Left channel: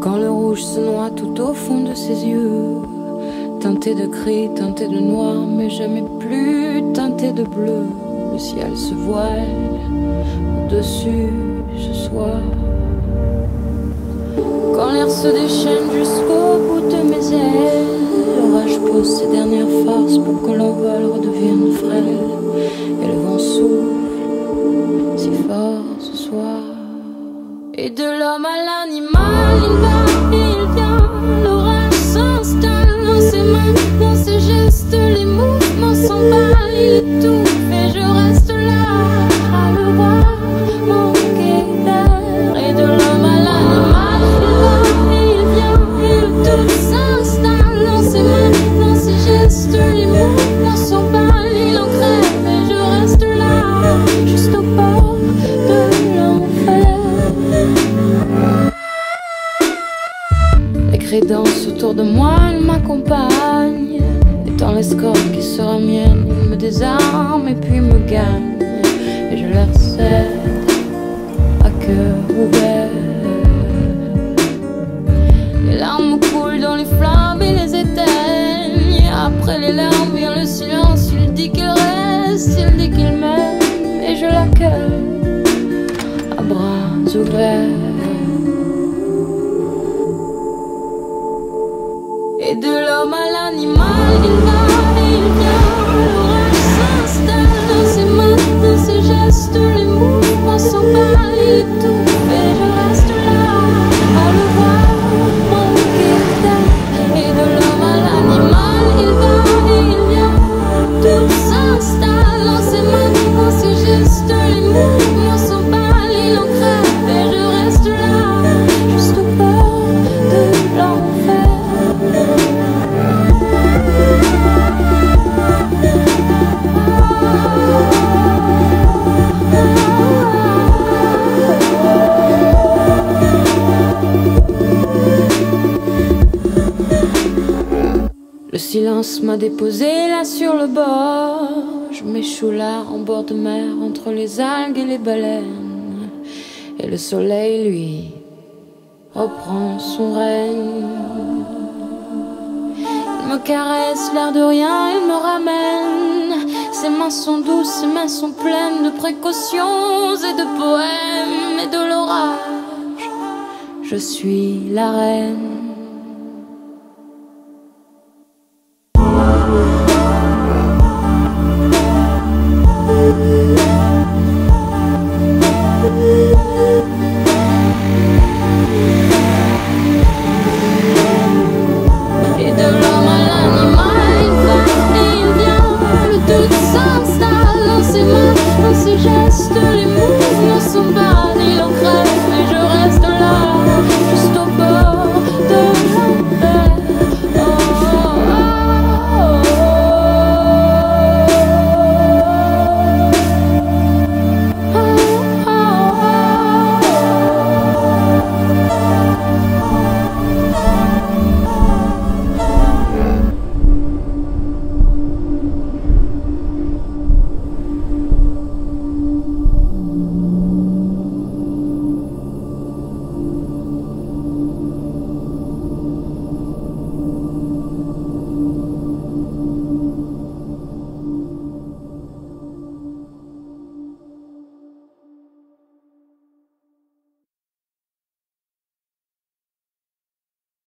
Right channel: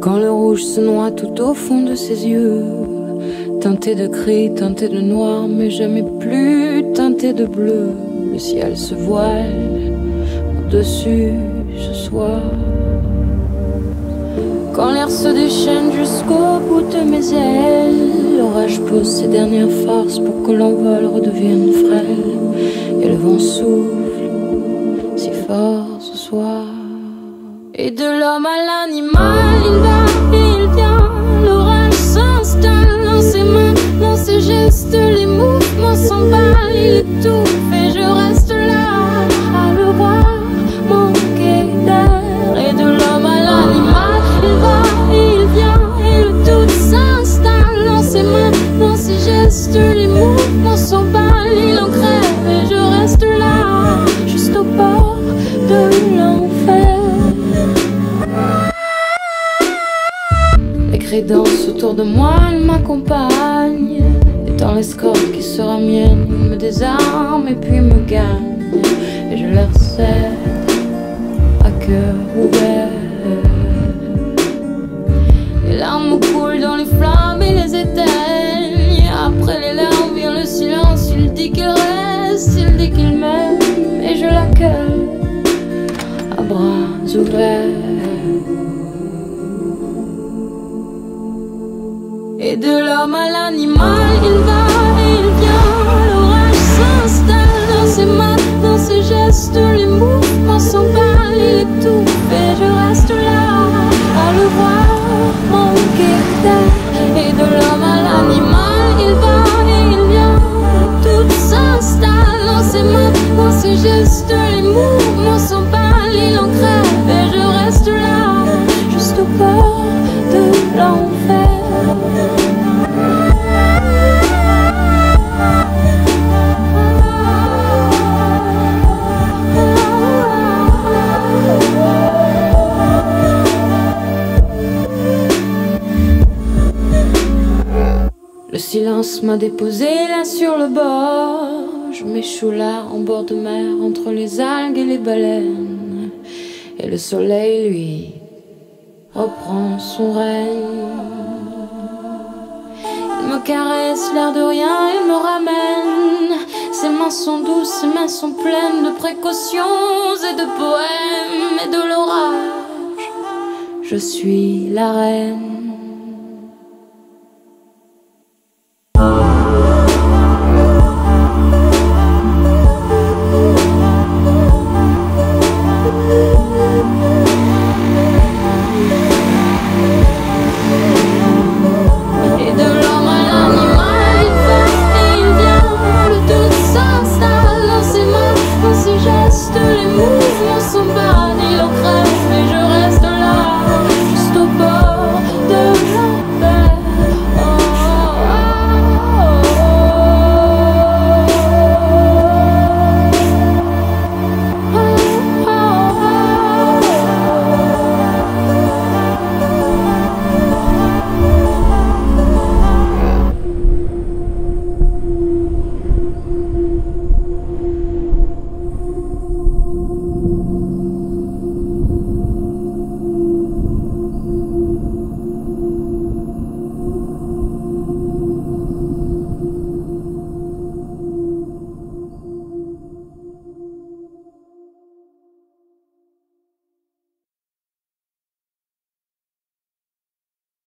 Quand le rouge se noie tout au fond de ses yeux, teinté de gris, teinté de noir, mais jamais plus teinté de bleu. Le ciel se voile au-dessus ce soir. Quand l'air se déchaîne jusqu'au bout de mes ailes, l'orage pose ses dernières forces pour que l'envol redevienne frêle. Et le vent souffle si fort ce soir. Et de l'homme à l'animal, il va et il vient. L'orage s'installe dans ses mains, dans ses gestes, les mouvements s'emballent, il étouffe et je reste là à le voir manquer d'air. Et de l'homme à l'animal, il va et il vient, et le tout s'installe dans ses mains, dans ses gestes, les mouvements s'emballent, il en crève et je reste là, juste au bord de l'enfer. Les cris dansent autour de moi, ils m'accompagnent. Et dans l'escorte qui sera mienne, ils me désarment et puis me gagnent. Et je leur cède à cœur ouvert. Les larmes coulent dans les flammes et les éteignent. Et après les larmes vient le silence, il dit qu'il reste, il dit qu'il m'aime. Et je l'accueille à bras ouverts. Et de l'homme à l'animal, il va et il vient. L'orage s'installe dans ses mains, dans ses gestes, les mouvements s'emballent, il étouffe et je reste là à le voir manquer d'air. Et de l'homme à l'animal, il va et il vient. Tout s'installe dans ses mains, dans ses gestes, les mouvements s'emballent, il en crève et je reste là, juste au bord de l'enfer. Le silence m'a déposé là sur le bord. Je m'échoue là en bord de mer entre les algues et les baleines. Et le soleil, lui, reprend son règne. Il me caresse, l'air de rien, il me ramène. Ses mains sont douces, ses mains sont pleines de précautions et de poèmes et de l'orage. Je suis la reine.